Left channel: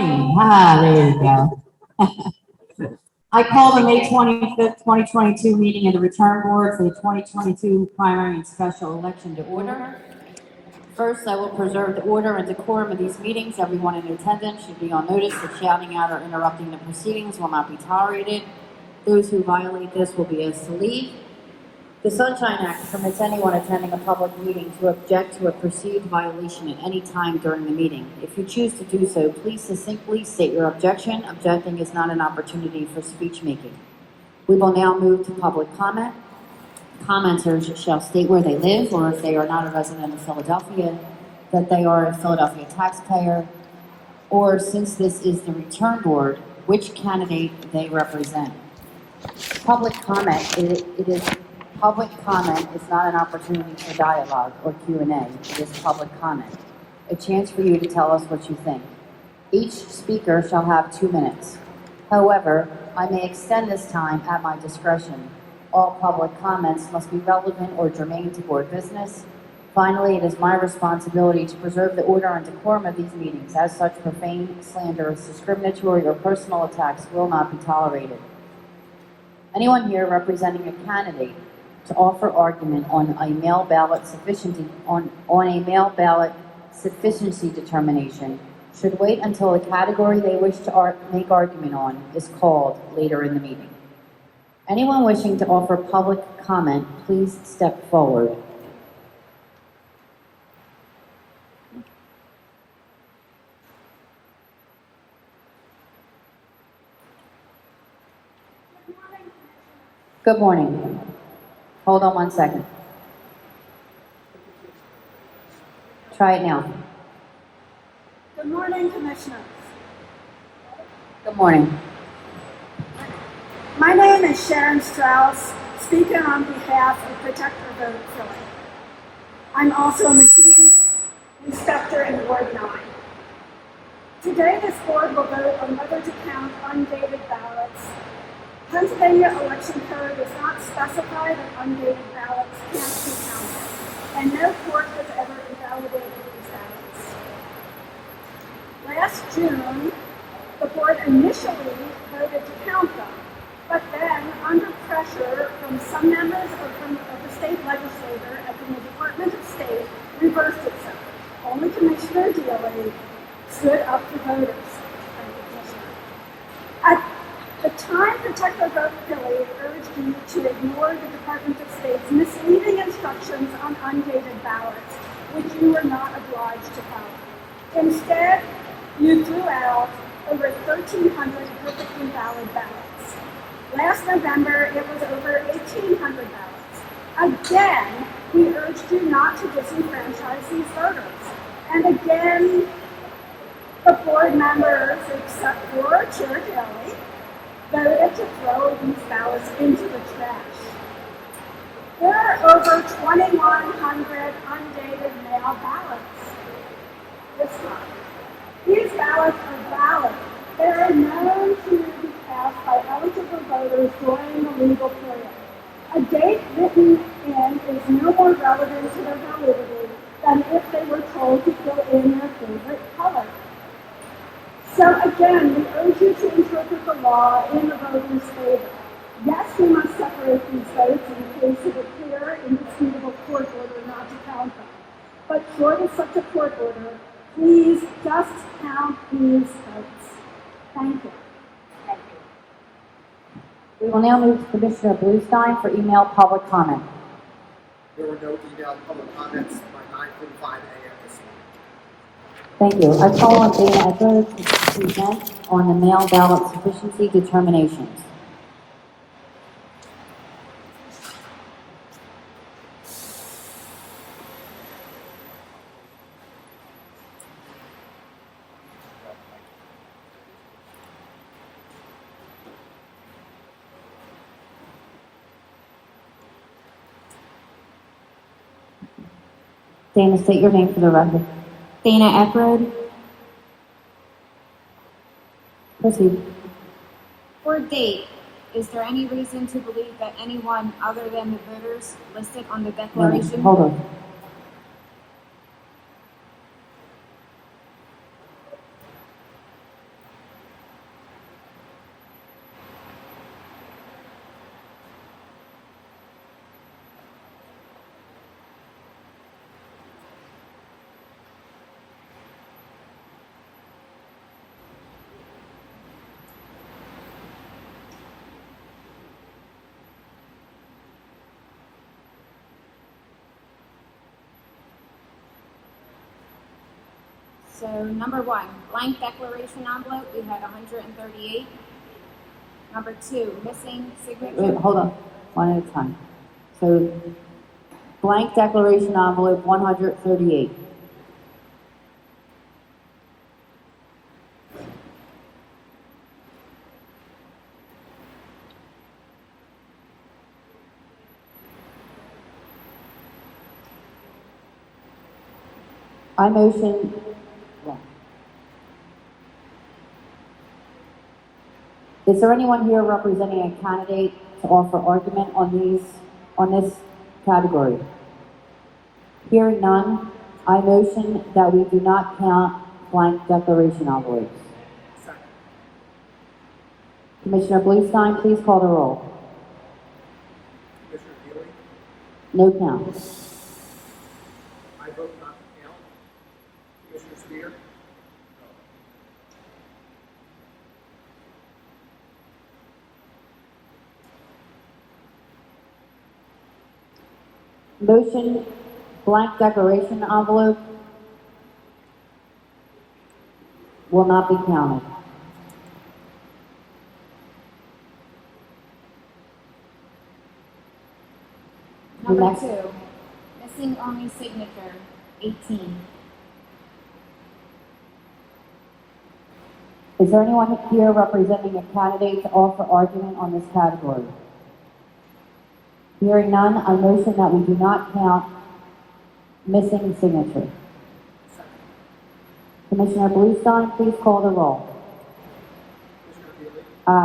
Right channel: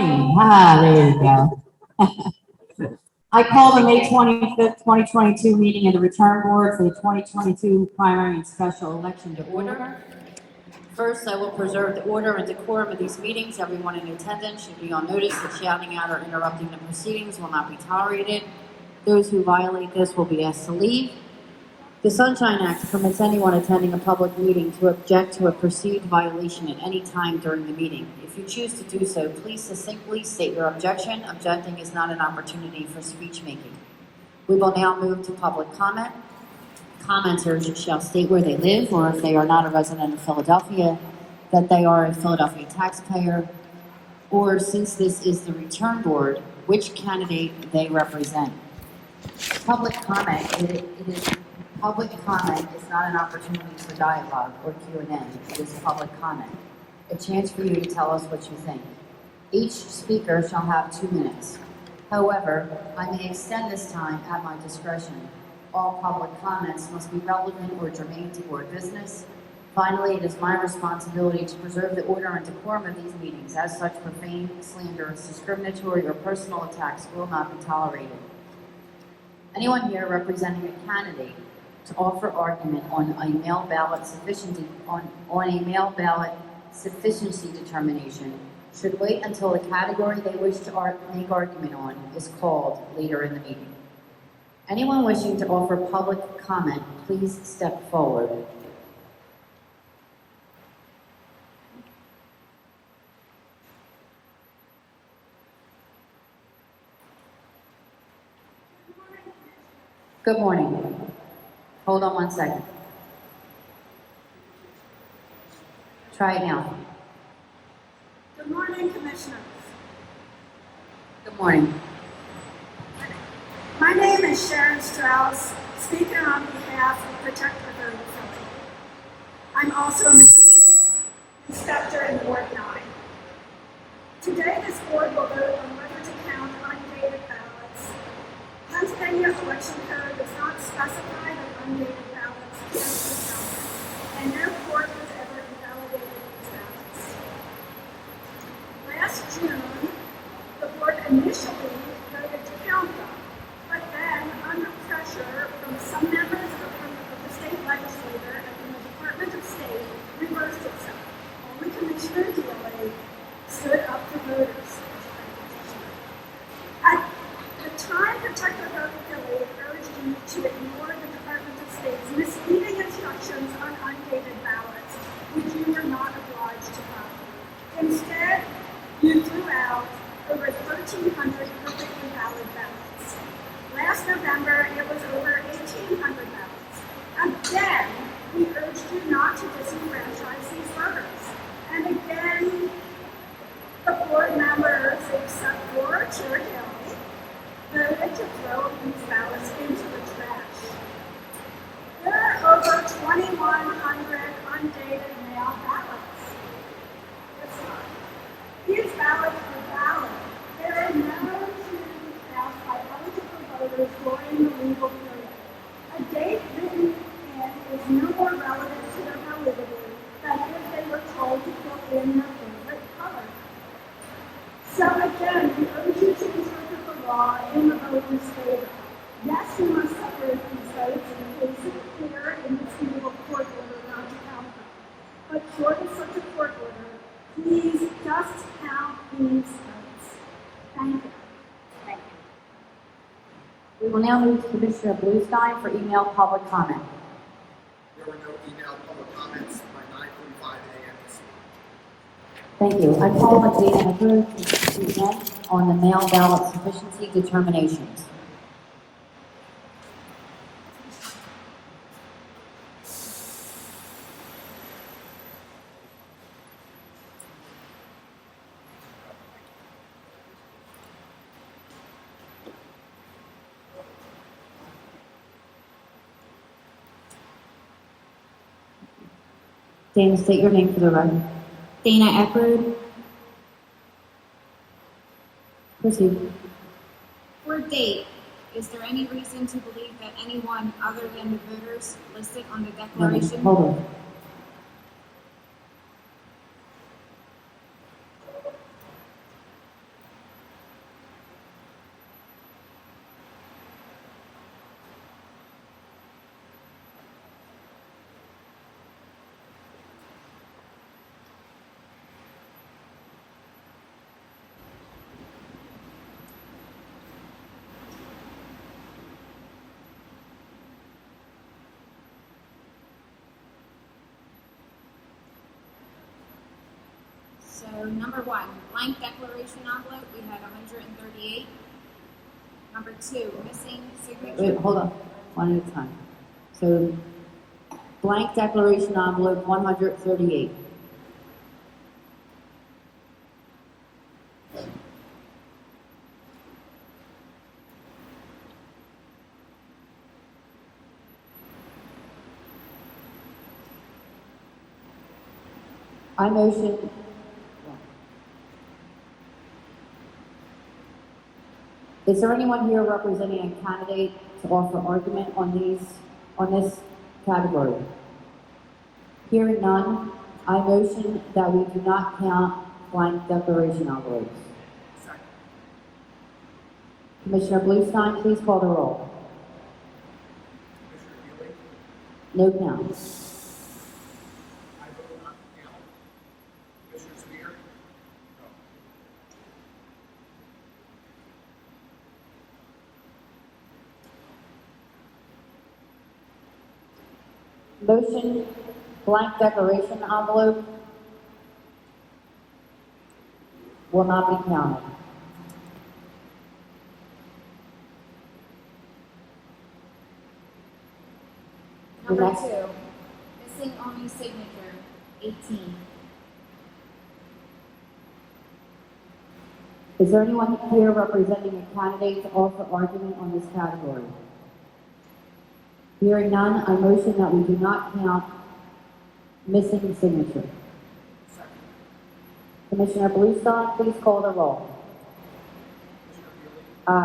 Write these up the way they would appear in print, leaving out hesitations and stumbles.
morning. There you go. I call the May 25th, 2022 meeting of the return board for the 2022 primary and special election to order. First, I will preserve the order and decorum of these meetings. Everyone in attendance should be on notice that shouting out or interrupting the proceedings will not be tolerated. Those who violate this will be asked to leave. The Sunshine Act permits anyone attending a public meeting to object to a perceived violation at any time during the meeting. If you choose to do so, please succinctly state your objection. Objecting is not an opportunity for speech making. We will now move to public comment. Commenters shall state where they live, or if they are not a resident of Philadelphia, that they are a Philadelphia taxpayer, or since this is the return board, which candidate they represent. Public comment, Public comment is not an opportunity for dialogue or Q&A. It is public comment, a chance for you to tell us what you think. Each speaker shall have 2 minutes. However, I may extend this time at my discretion. All public comments must be relevant or germane to board business. Finally, it is my responsibility to preserve the order and decorum of these meetings. As such, profane, slanderous, discriminatory, or personal attacks will not be tolerated. Anyone here representing a candidate to offer argument on a mail ballot sufficiency determination should wait until the category they wish to make argument on is called later in the meeting. Anyone wishing to offer public comment, please step forward. Good morning. Hold on 1 second. Try it now. Good morning, Commissioners. Good morning. My name is Sharon Strauss, speaking on behalf of Protect the Vote Phila. I'm also a machine inspector in Ward 9. Today, this board will vote on whether to count undated ballots. Pennsylvania election code does not specify that undated ballots can't be counted, and no court has ever invalidated these ballots. Last June, the board initially voted to count them, but then, under pressure from some members of the state legislature and from the Department of State, reversed itself. Only Commissioner Dealey stood up for voters. At the time, Protect the Vote Phila urged you to ignore the Department of State's misleading instructions on undated ballots, which you were not obliged to follow. Instead, you threw out over 1,300 perfectly valid ballots. Last November, it was over 1,800 ballots. Again, we urged you not to disenfranchise these voters. And again, the board members, except for Chair Kelly, voted to throw these ballots into the trash. There are over 2,100 undated mail ballots. It's not. These ballots are valid. They are known to be cast by eligible voters during the legal period. A date written in is no more relevant to their validity than if they were told to fill in their favorite color. So again, we urge you to interpret the law in the voter's favor. Yes, you must separate these votes in case it appear indisputable court order not to count them. But short of such a court order, please just count these votes. Thank you. Thank you. We will now move to Commissioner Bluestein for email public comment. There were no emailed public comments by 9:45 a.m. this Thank morning. you. I call on Dana Echo to present on the mail ballot sufficiency determinations. Dana, state your name for the record. Dana Eckroad. Proceed. For date, is there any reason to believe that anyone other than the voters listed on the declaration? Hold on. So number one, blank declaration envelope, we had 138. Number two, missing Wait, signature. hold on, one at a time. So, blank declaration envelope, 138. I motion, yeah. Is there anyone here representing a candidate to offer argument on this category? Hearing none, I motion that we do not count blank declaration envelopes. Second. Commissioner Bluestein, please call the roll. Commissioner Phila, No count. I vote not to count. Commissioner Spear? No. Motion, blank declaration envelope will not be counted. Number Next. two, missing only signature, 18. Is there anyone here representing a candidate to offer argument on this category? Hearing none, I motion that we do not count missing signature. Second. Commissioner Bluestein, please call the roll. Commissioner Phila, Aye. I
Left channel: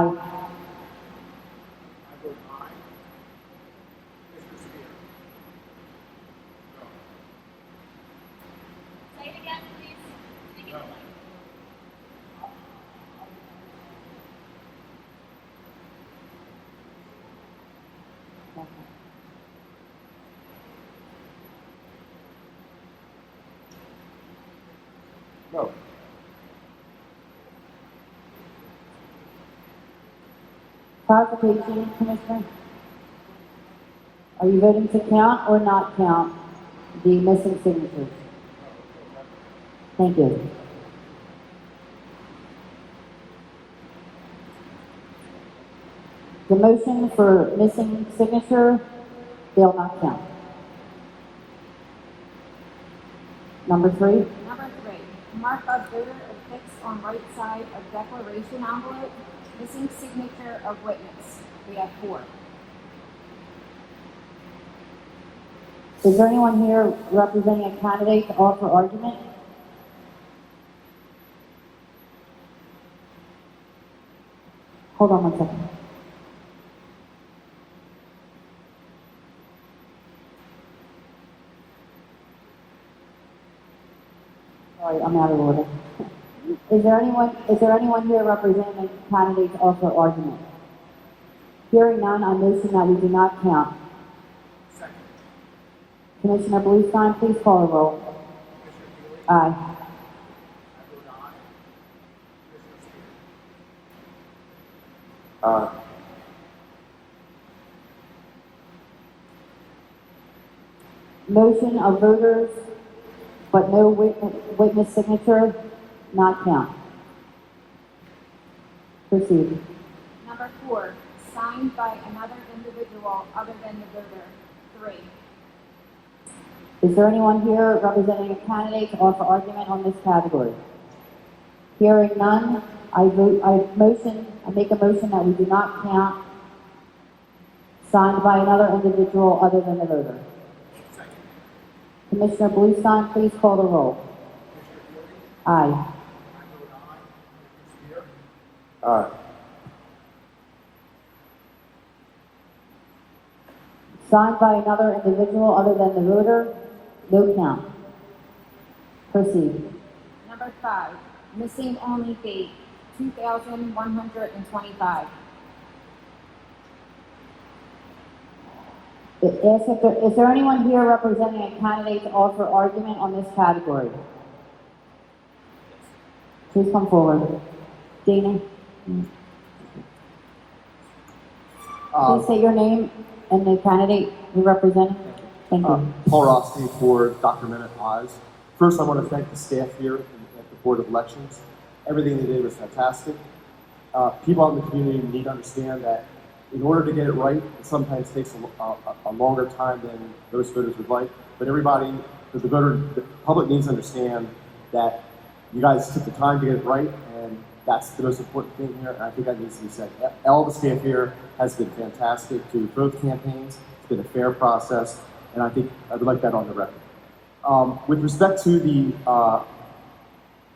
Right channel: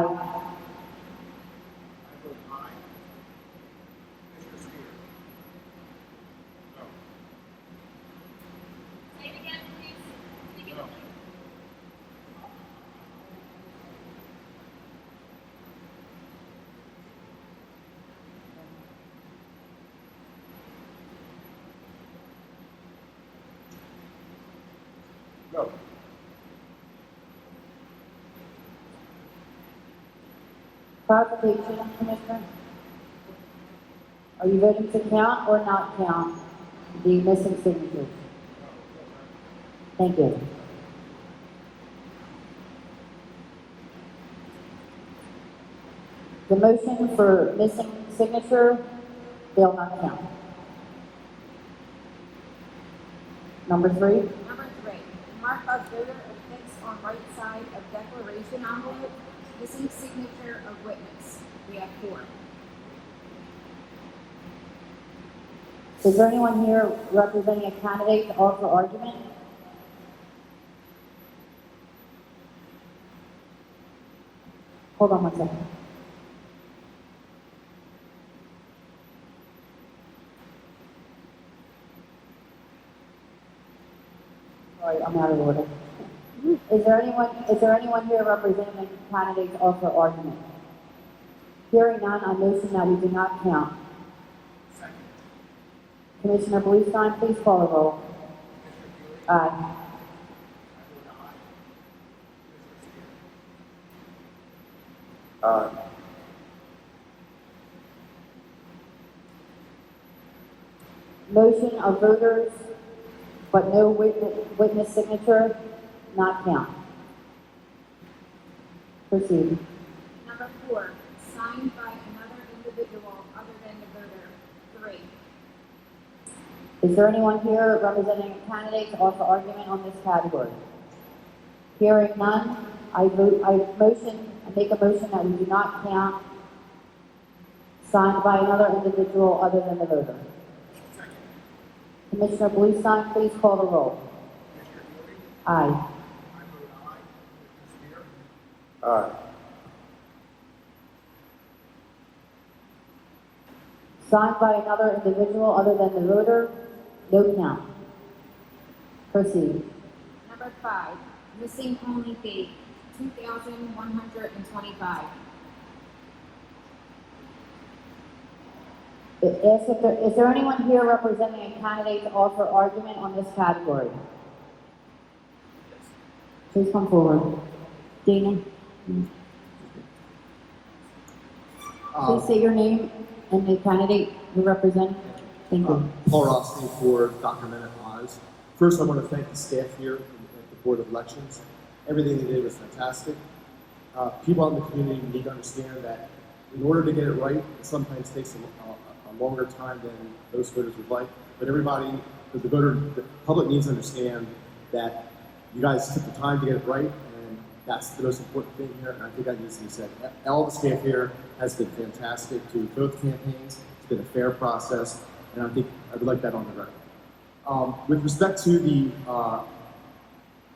vote aye. Commissioner Spear? No. Say it again, please. No. No. Clarification, Commissioner? Are you voting to count or not count the missing signatures? Thank you. The motion for missing signature will not count. Number three, Number three, mark of voter affixed on right side of declaration envelope, missing signature of witness. We have 4. is there anyone here representing a candidate to offer argument? Hold on one second. Sorry, I'm out of order. Is there anyone here representing a candidate to offer argument? Hearing none, I motion that we do not count. Second. Commissioner Bluestein, please call the roll. Commissioner Phila, Aye. I vote aye. Commissioner Spear? Motion of voters, but no witness signature, not count. Proceed. Number 4, signed by another individual other than the voter. 3. Is there anyone here representing a candidate to offer argument on this category? Hearing none, I make a motion that we do not count signed by another individual other than the voter. Second. Commissioner Bluestein, please call the roll. Commissioner Phila, Aye. I vote aye. Commissioner Spear? Aye. Signed by another individual other than the voter, no count. Proceed. Number 5, missing only date, 2,125. Is there anyone here representing a candidate to offer argument on this category? Please come forward. Dana, please say your name and the candidate you represent. Thank you. Paul Rothstein for Dr. Minute Eyes. First, I want to thank the staff here at Board of Elections. Everything they did was fantastic. People out in the community need to understand that in order to get it right, it sometimes takes a longer time than those voters would like. But the public needs to understand that you guys took the time to get it right, and that's the most important thing here, and I think that needs to be said. All the staff here has been fantastic to both campaigns. It's been a fair process, and I think I would like that on the record. With respect to the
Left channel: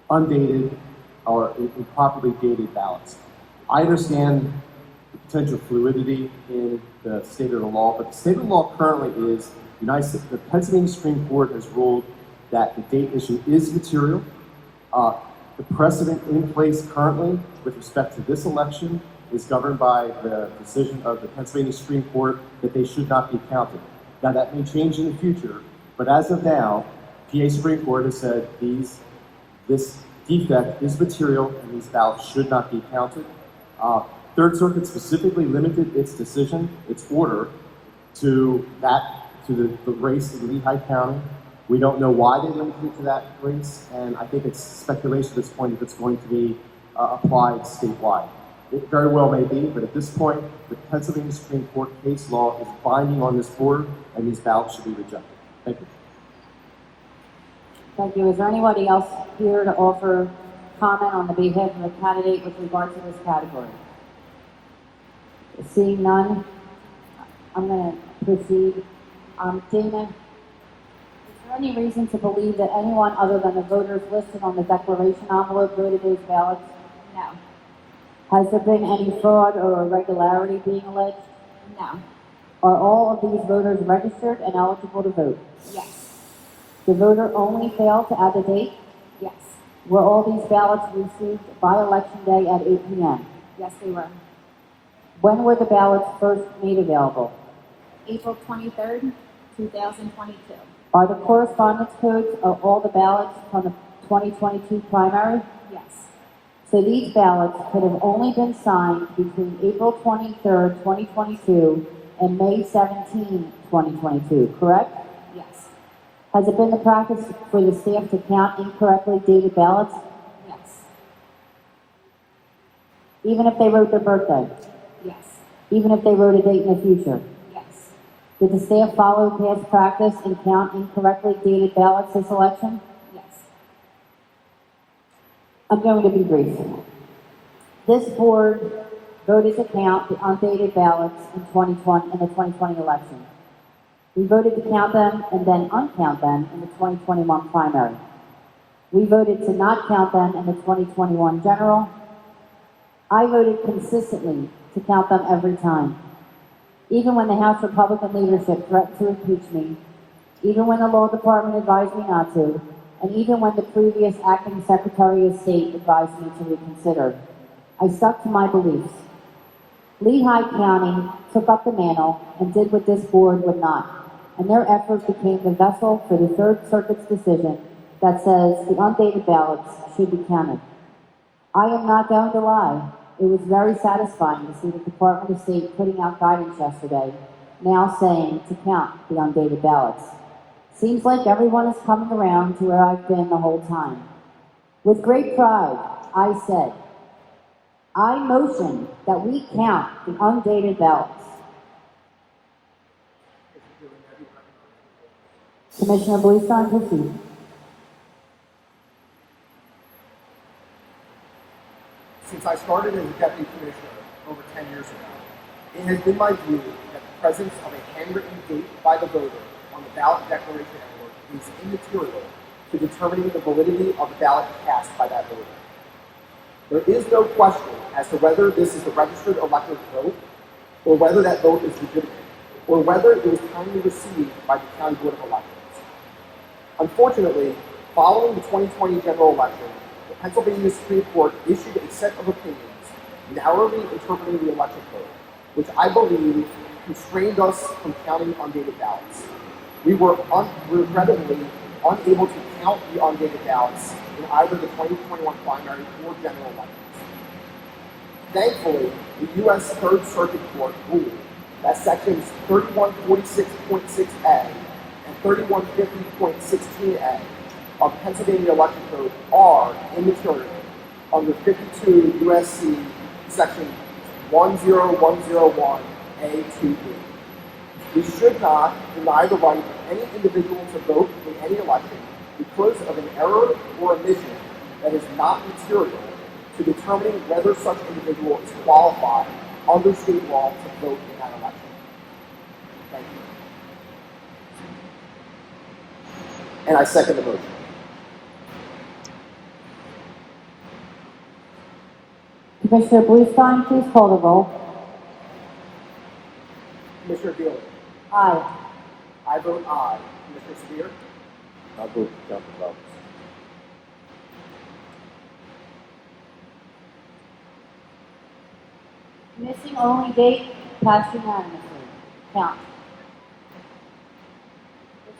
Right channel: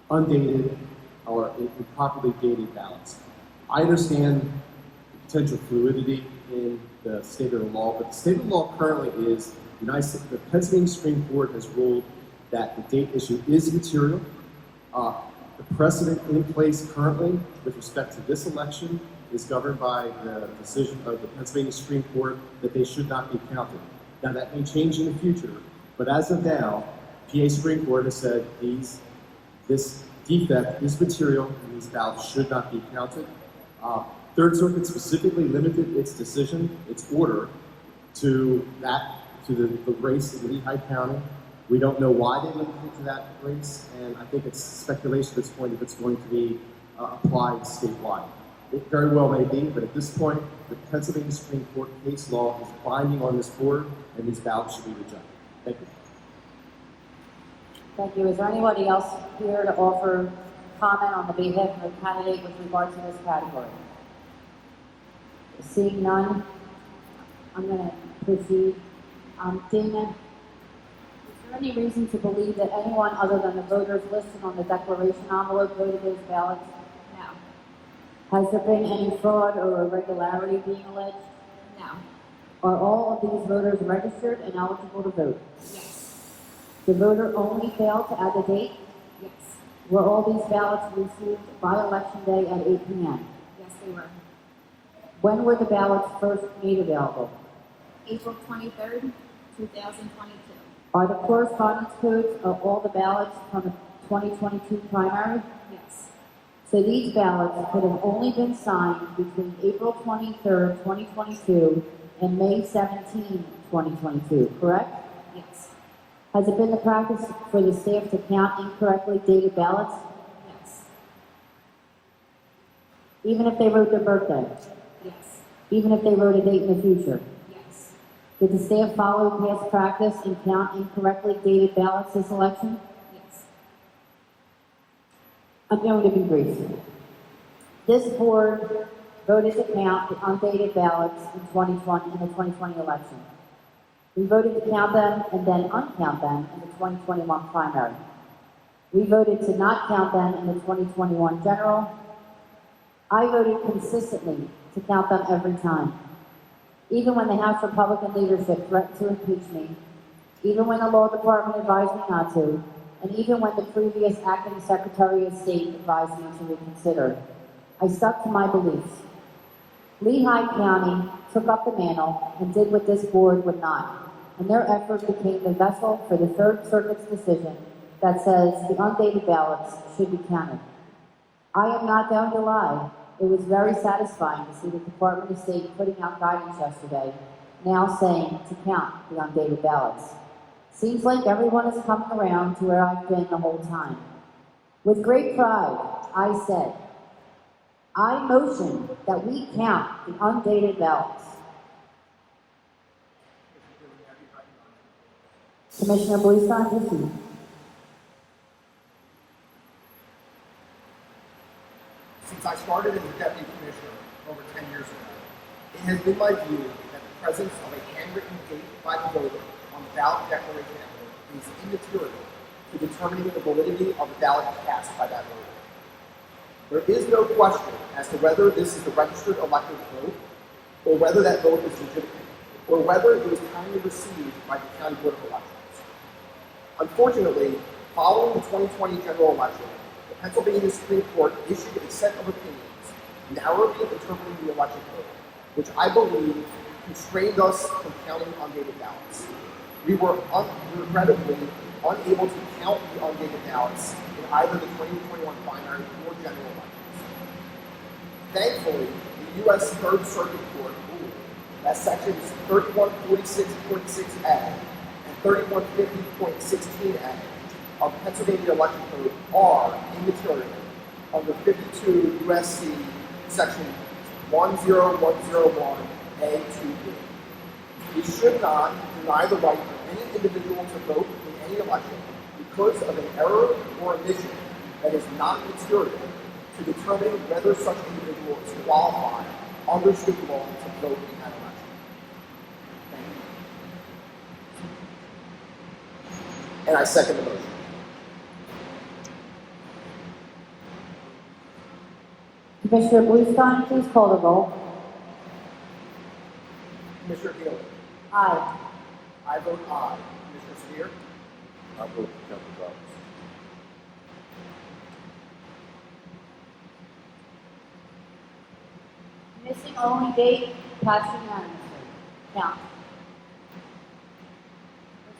undated or improperly dated ballots, I understand the potential fluidity in the state of the law, but the state of the law currently is the Pennsylvania Supreme Court has ruled that the date issue is material. The precedent in place currently with respect to this election is governed by the decision of the Pennsylvania Supreme Court that they should not be counted. Now that may change in the future, but as of now, PA Supreme Court has said this defect is material and these ballots should not be counted. Third Circuit specifically limited its decision, its order, to the race in Lehigh County. We don't know why they limited it to that race, and I think it's speculation at this point if it's going to be applied statewide. It very well may be, but at this point, the Pennsylvania Supreme Court case law is binding on this board, and these ballots should be rejected. Thank you. Thank you. Is there anybody else here to offer comment on the behalf of the candidate with regard to this category? Seeing none, I'm going to proceed. Dana, is there any reason to believe that anyone other than the voters listed on the declaration envelope voted those ballots? No. Has there been any fraud or irregularity being alleged? No. Are all of these voters registered and eligible to vote? Yes. The voter only failed to add a date? Yes. Were all these ballots received by election day at 8 p.m.? Yes, they were. When were the ballots first made available? April 23rd, 2022. Are the correspondence codes of all the ballots from the 2022 primary? Yes. So these ballots could have only been signed between April 23rd, 2022 and May 17, 2022, correct? Yes. Has it been the practice for the staff to count incorrectly dated ballots, Yes. even if they wrote their birthday? Yes. Even if they wrote a date in the future? Yes. Did the staff follow past practice and count incorrectly dated ballots this election? Yes. I'm going to be brief. This board voted to count the undated ballots in the 2020 election. We voted to count them and then uncount them in the 2021 primary. We voted to not count them in the 2021 general. I voted consistently to count them every time. Even when the House Republican leadership threatened to impeach me, even when the law department advised me not to, and even when the previous acting Secretary of State advised me to reconsider, I stuck to my beliefs. Lehigh County took up the mantle and did what this board would not, and their effort became the vessel for the Third Circuit's decision that says the undated ballots should be counted. I am not going to lie. It was very satisfying to see the Department of State putting out guidance yesterday, now saying to count the undated ballots. Seems like everyone is coming around to where I've been the whole time. With great pride, I said, I motion that we count the undated ballots. Commissioner Bluestein, proceed. Since I started as a deputy commissioner over 10 years ago, it has been my view that the presence of a handwritten date by the voter on the ballot declaration envelope is immaterial to determining the validity of the ballot cast by that voter. There is no question as to whether this is the registered elector's vote, or whether that vote is legitimate, or whether it was timely received by the County Board of Elections. Unfortunately, following the 2020 general election, the Pennsylvania Supreme Court issued a set of opinions narrowly interpreting the election code, which I believe constrained us from counting undated ballots. We were regrettably unable to count the undated ballots in either the 2021 primary or general elections. Thankfully, the U.S. Third Circuit Court ruled that sections 3146.6a and 3150.16a of Pennsylvania election code are immaterial under 52 U.S.C. section 10101A2B. We should not deny the right of any individual to vote in any election because of an error or omission that is not material to determining whether such individual is qualified under state law to vote in that election. Thank you. And I second the motion. Commissioner Bluestein, please call the roll. Commissioner Phila. Aye. I vote aye. Commissioner Spear. I vote for Dr. Roberts. Missing only date, passed unanimously. Count.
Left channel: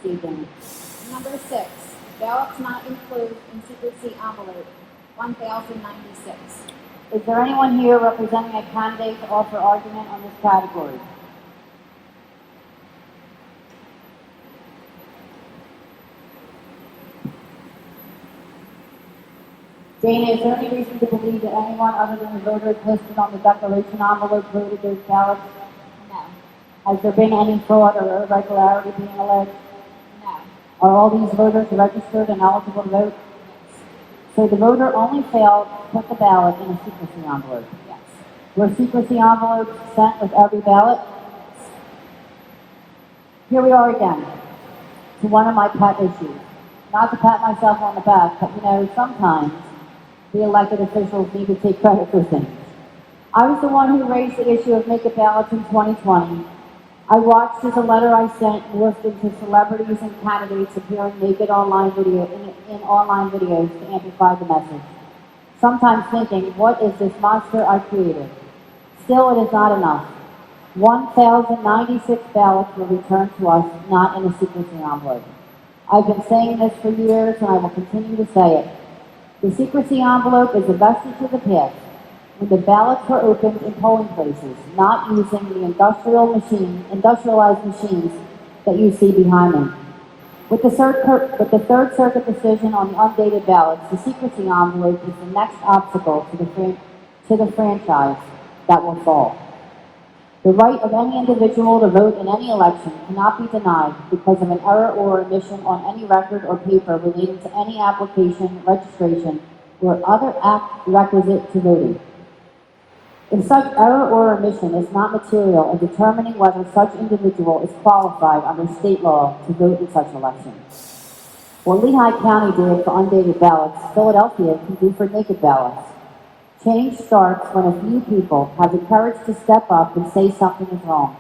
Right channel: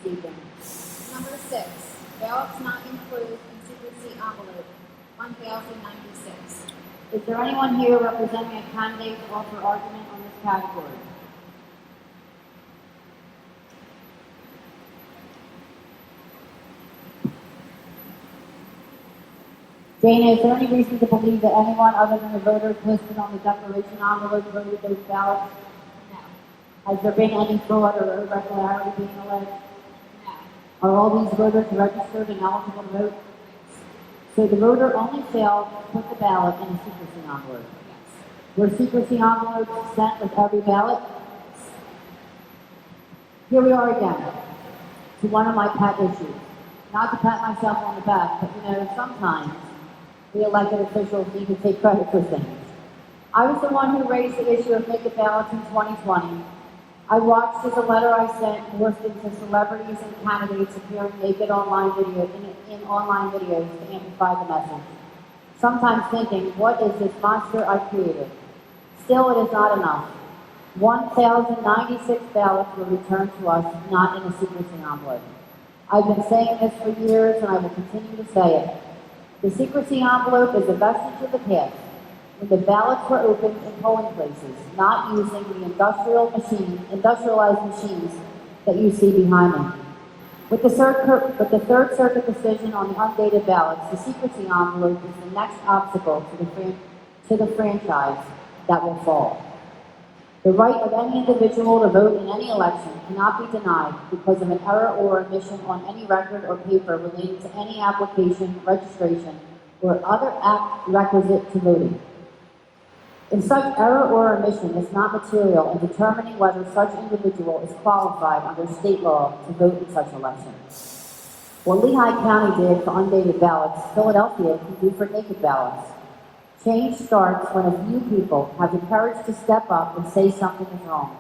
Proceed. Number 6, ballots not included in secrecy envelope, 1,096. Is there anyone here representing a candidate to offer argument on this category? Dana, is there any reason to believe that anyone other than the voters listed on the declaration envelope voted those ballots? No. Has there been any fraud or irregularity being alleged? No. Are all these voters registered and eligible to vote? So the voter only failed to put the ballot in a secrecy envelope? Yes. Were secrecy envelopes sent with every ballot? Here we are again, to one of my pet issues. Not to pat myself on the back, but you know, sometimes the elected officials need to take credit for things. I was the one who raised the issue of naked ballots in 2020. I watched as a letter I sent morphed into celebrities and candidates appearing naked in online videos to amplify the message. Sometimes thinking, what is this monster I created? Still, it is not enough. 1,096 ballots were returned to us, not in a secrecy envelope. I've been saying this for years, and I will continue to say it. The secrecy envelope is a vestige of the past, when the ballots were opened in polling places, not using the industrialized machines that you see behind me. With the Third Circuit decision on the undated ballots, the secrecy envelope is the next obstacle to the franchise that will fall. The right of any individual to vote in any election cannot be denied because of an error or omission on any record or paper relating to any application, registration, or other act requisite to voting. If such error or omission is not material in determining whether such individual is qualified under state law to vote in such election. What Lehigh County did for undated ballots, Philadelphia can do for naked ballots. Change starts when a few people have the courage to step up and say something is wrong.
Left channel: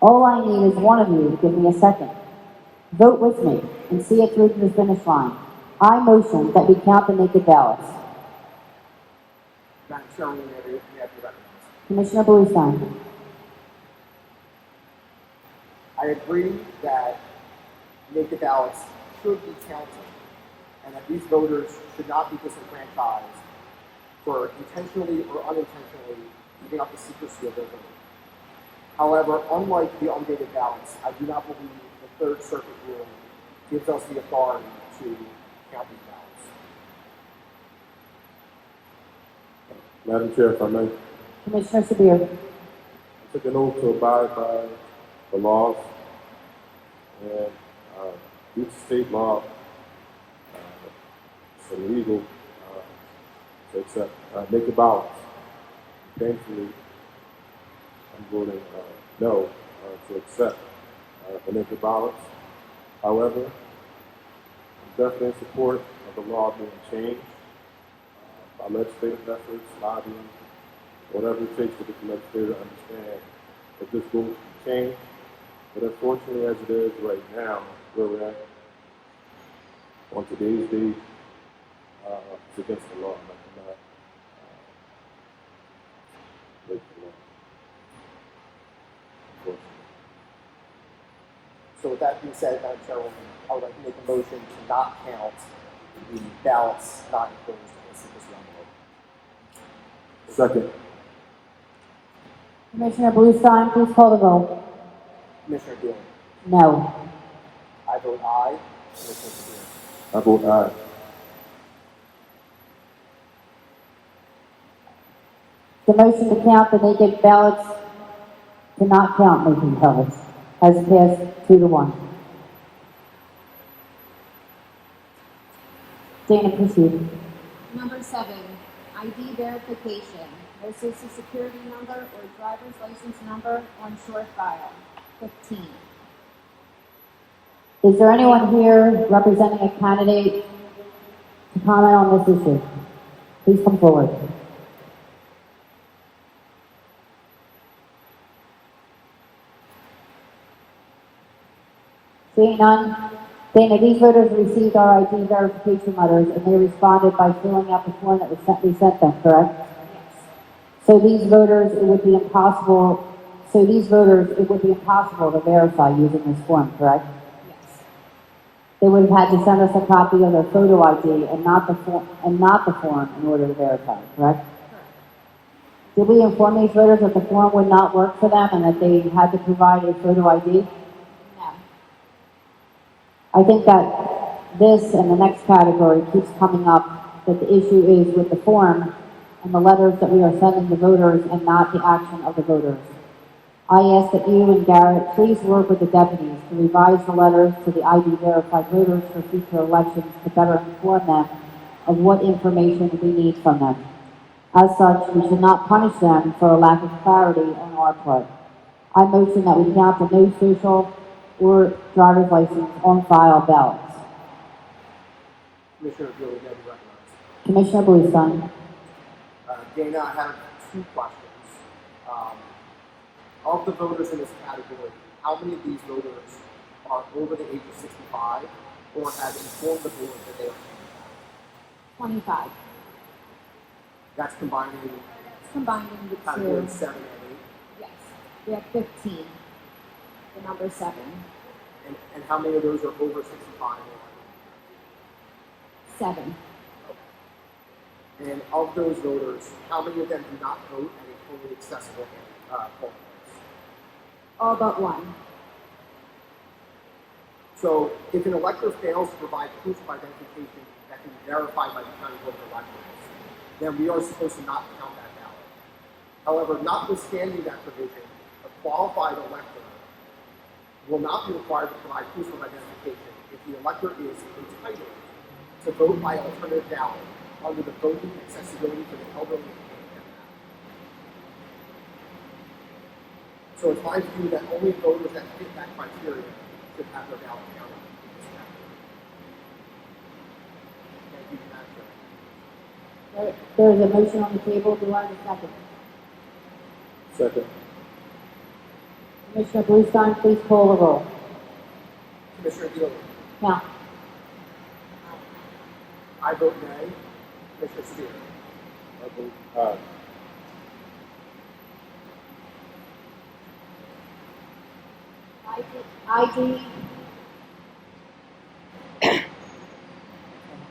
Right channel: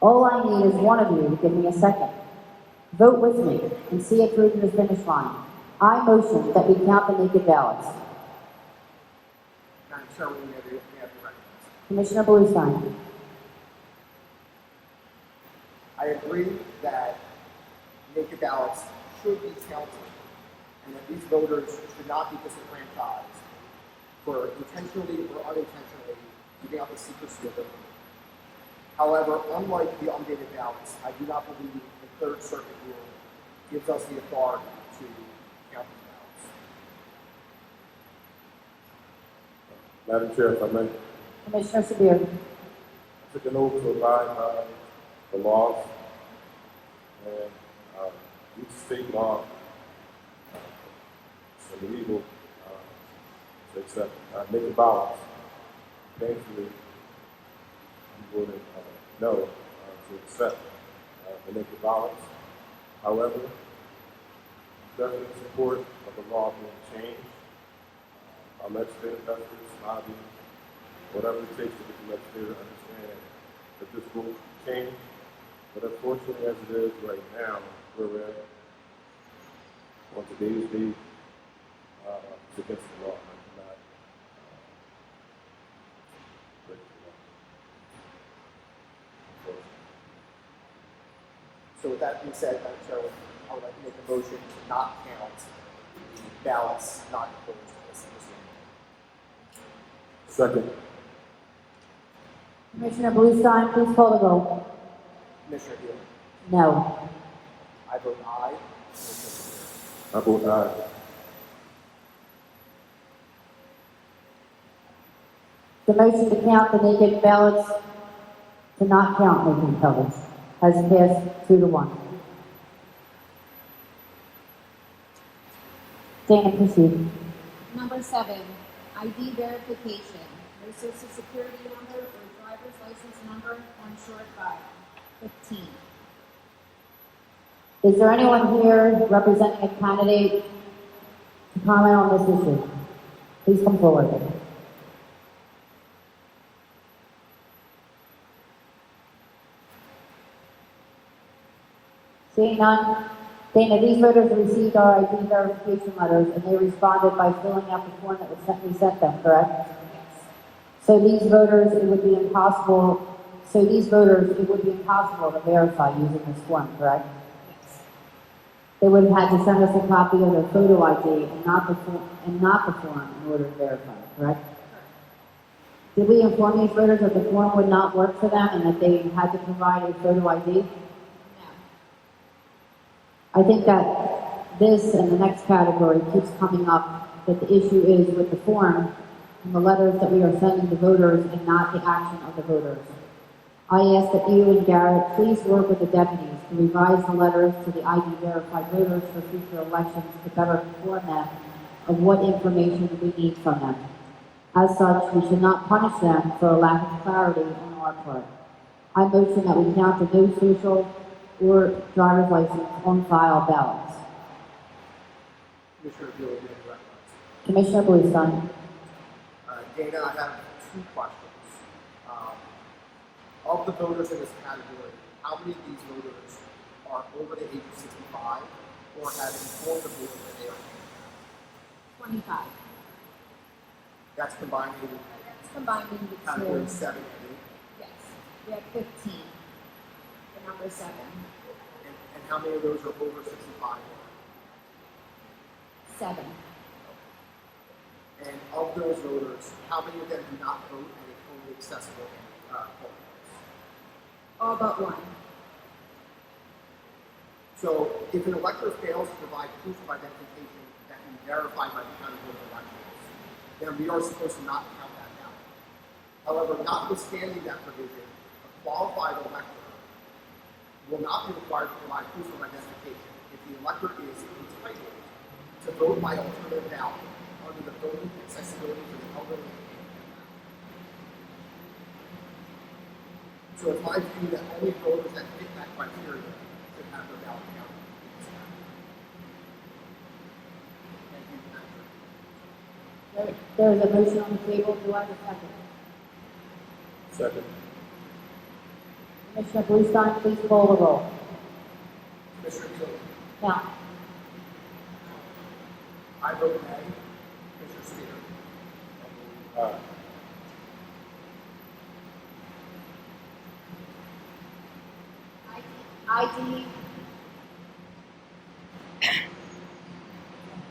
All I need is one of you to give me a second. Vote with me and see it through to the finish line. I motion that we count the naked ballots. Madam Chairman, we have the record. Commissioner Bluestein. I agree that naked ballots should be counted and that these voters should not be disenfranchised for intentionally or unintentionally giving up the secrecy of their vote. However, unlike the undated ballots, I do not believe the Third Circuit ruling gives us the authority to count these ballots. Madam Chair, if I may, Commissioner Sabir. I took an oath to abide by the laws and each state law is illegal to accept naked ballots. Thankfully, I'm voting no to accept the naked ballots. However, I'm definitely in support of the law being changed. Our legislative efforts, lobbying, whatever it takes to get the legislature to understand that this will change. But unfortunately, as it is right now, where we're at, on today's date, it's against the law. I cannot break the law. So with that being said, Madam Chairwoman, I would like to make a motion to not count the ballots not included in the secrecy envelope. Second. Commissioner Bluestein, please call the roll. Commissioner Phila. No. I vote aye. Commissioner Spear. I vote aye. The motion to count the naked ballots to not count naked ballots has passed 2-1. Dana, proceed. Number 7, ID verification. No social security number or driver's license number on short file. 15. Is there anyone here representing a candidate to comment on this issue? Please come forward. Seeing none, Dana, these voters received our ID verification letters and they responded by filling out the form that we sent them, correct? So these voters, it would be impossible to verify using this form, correct? They would have had to send us a copy of their photo ID and not the form in order to verify, correct? Did we inform these voters that the form would not work for them and that they had to provide a photo ID? No. I think that this and the next category keeps coming up, that the issue is with the form and the letters that we are sending to voters and not the action of the voters. I ask that you and Garrett please work with the deputies to revise the letters to the ID verified voters for future elections to better inform them of what information we need from them. As such, we should not punish them for a lack of clarity on our part. I motion that we count the no social or driver's license on file ballots. Commissioner Phila, you have the record. Commissioner Bluestein. Dana, I have 2 questions. Of the voters in this category, how many of these voters are over the age of 65 or have informed the voter that they are? 25. That's combining It's combining the category two. 7 and 8. Yes. We have 15. The number 7. And how many of those are over 65? 7. And of those voters, how many of them do not vote at a fully accessible polling place? All but 1. So if an elector fails to provide proof of identification that can be verified by the county board of elections, then we are supposed to not count that ballot. However, notwithstanding that provision, a qualified elector will not be required to provide proof of identification if the elector is entitled to vote by alternative ballot under the Voting Accessibility to the Elderly and Handicapped Act. So it's my view that only voters that fit that criteria should have their ballot counted in this category. Thank you, Madam Chair. There is a motion on the table. Do I have a second? Second. Commissioner Bluestein, please call the roll. Commissioner Phila, Now, I vote nay. Commissioner Spear, I vote aye.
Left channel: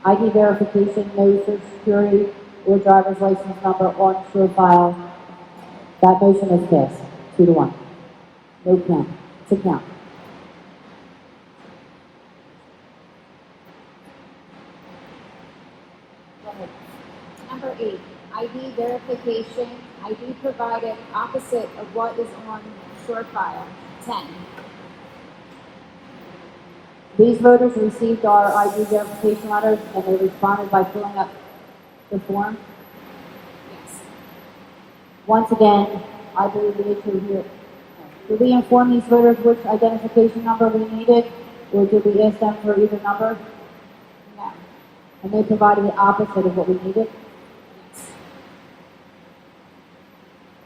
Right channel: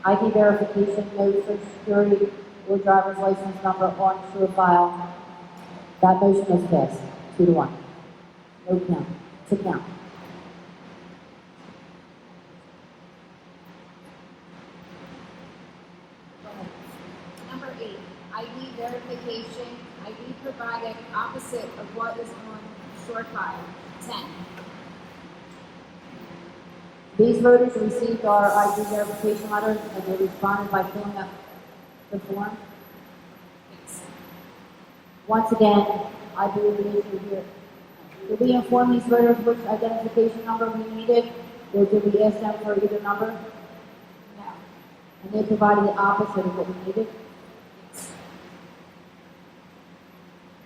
ID verification, no social security or driver's license number on show file. That motion is passed, 2-1. No count, to count. Number 8, ID verification. ID provided opposite of what is on short file. 10. These voters received our ID verification letters and they responded by filling up the form. Yes. Once again, I believe the issue here. Did we inform these voters which identification number we needed, or did we ask them for either number? No. And they provided the opposite of what we needed? Yes.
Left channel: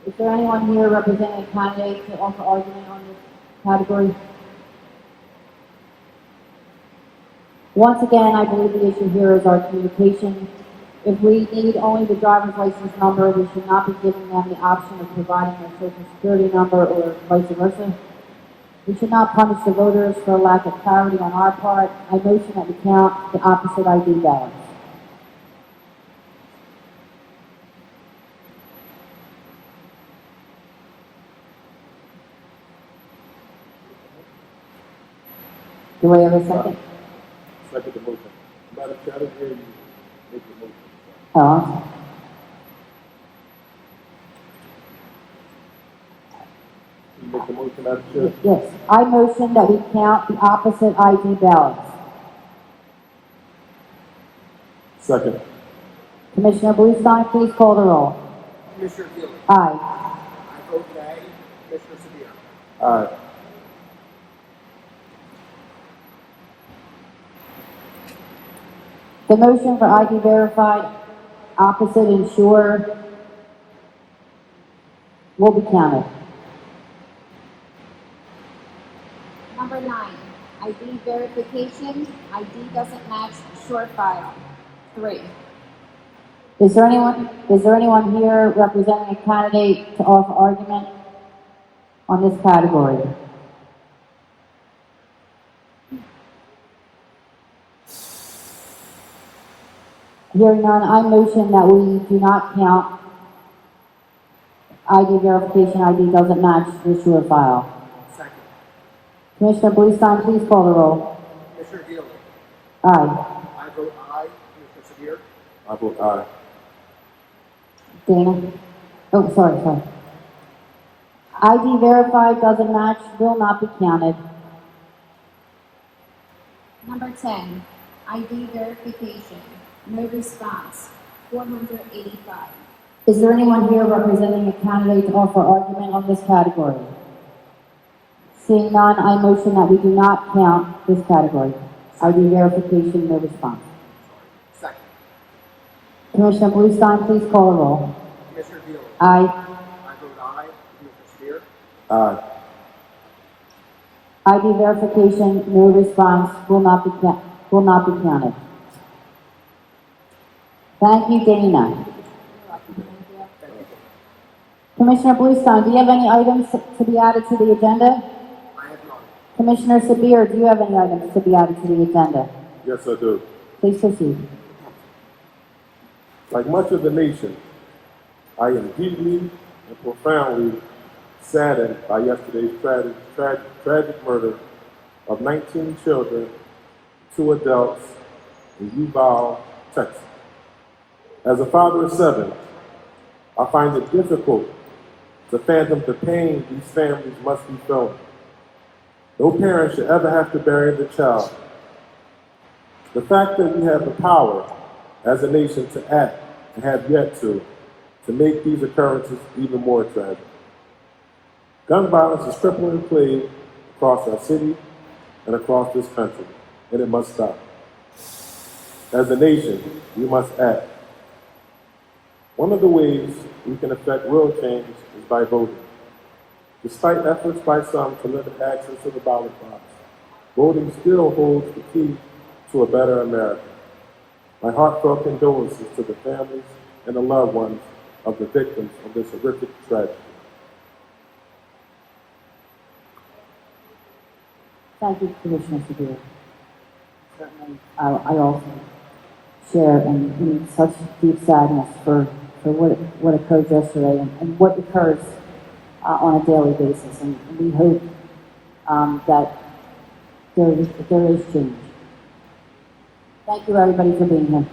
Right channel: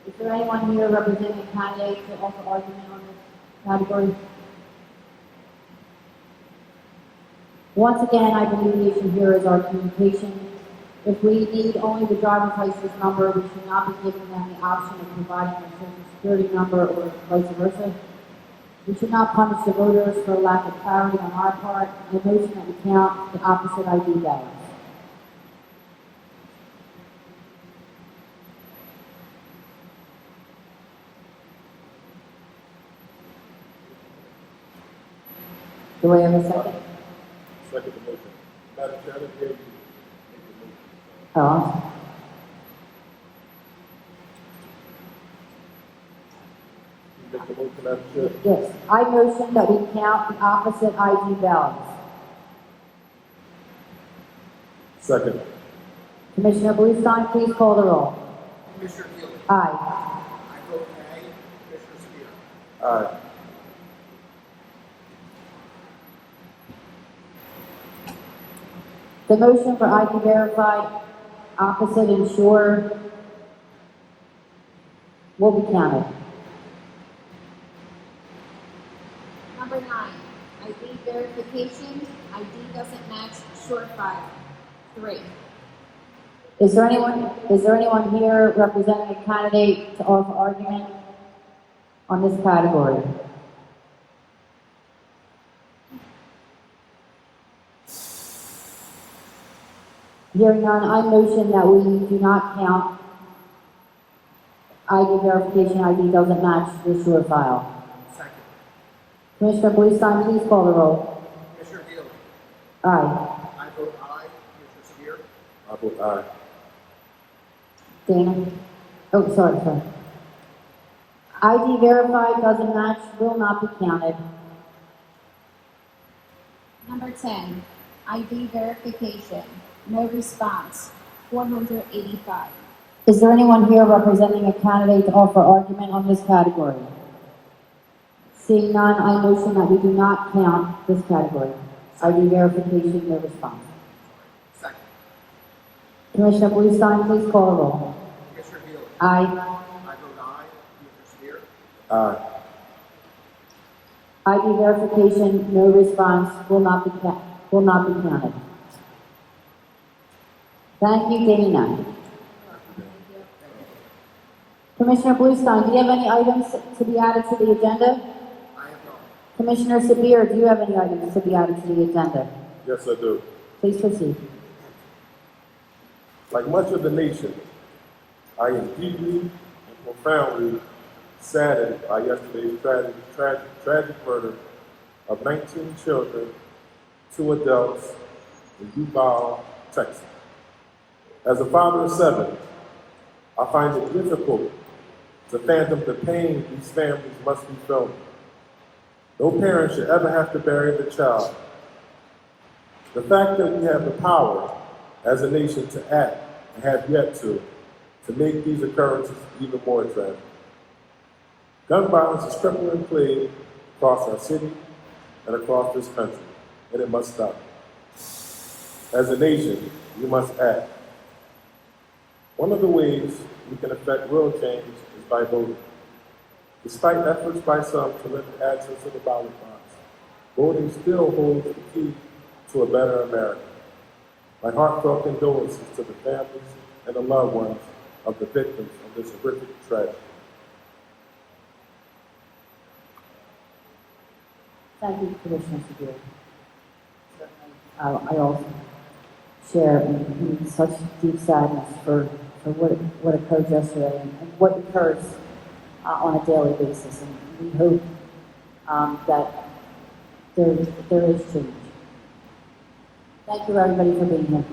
Is there anyone here representing a candidate to offer argument on this category? Once again, I believe the issue here is our communication. If we need only the driver's license number, we should not be giving them the option of providing their social security number or vice versa. We should not punish the voters for a lack of clarity on our part. I motion that we count the opposite ID ballots. Do I have a second? Second the motion. I didn't hear you make a motion. Oh, You make a motion, Madam Chair? yes. I motion that we count the opposite ID ballots. Second. Commissioner Bluestein, please call the roll. Commissioner Phila. Aye. I vote nay. Commissioner Severe. Aye. The motion for ID verified, opposite and sure will be counted. Number 9, ID verification, ID doesn't match sure file. 3. Is there anyone here representing a candidate to offer argument on this category? Hearing none, I motion that we do not count ID verification, ID doesn't match the sure file. Second. Commissioner Bluestein, please call the roll. Commissioner Phila. Aye. I vote aye. Commissioner Severe. I vote aye. Dana? Oh, sorry. ID verified doesn't match, will not be counted. Number 10, ID verification, no response. 485. Is there anyone here representing a candidate to offer argument on this category? Seeing none, I motion that we do not count this category. ID verification, no response. Second. Commissioner Bluestein, please call the roll. Commissioner Phila. Aye. I vote aye. Commissioner Severe. Aye. ID verification, no response, will not be counted. Thank you, Dana. Commissioner Bluestein, do you have any items to be added to the agenda? I have none. Commissioner Sabir, do you have any items to be added to the agenda? Yes, I do. Please proceed. Like much of the nation, I am deeply and profoundly saddened by yesterday's tragic murder of 19 children, 2 adults in Uvalde, Texas. As a father of 7, I find it difficult to fathom the pain these families must be feeling. No parent should ever have to bury the child. The fact that we have the power as a nation to act and have yet to make these occurrences even more tragic. Gun violence is crippling plague across our city and across this country, and it must stop. As a nation, we must act. One of the ways we can affect real change is by voting. Despite efforts by some to limit access to the ballot box, voting still holds the key to a better America. My heartfelt condolences to the families and the loved ones of the victims of this horrific tragedy. Thank you, Commissioner Sabir. Certainly, I also share in such deep sadness for what occurred yesterday and what occurs on a daily basis. And we hope that there is change. Thank you, everybody, for being here.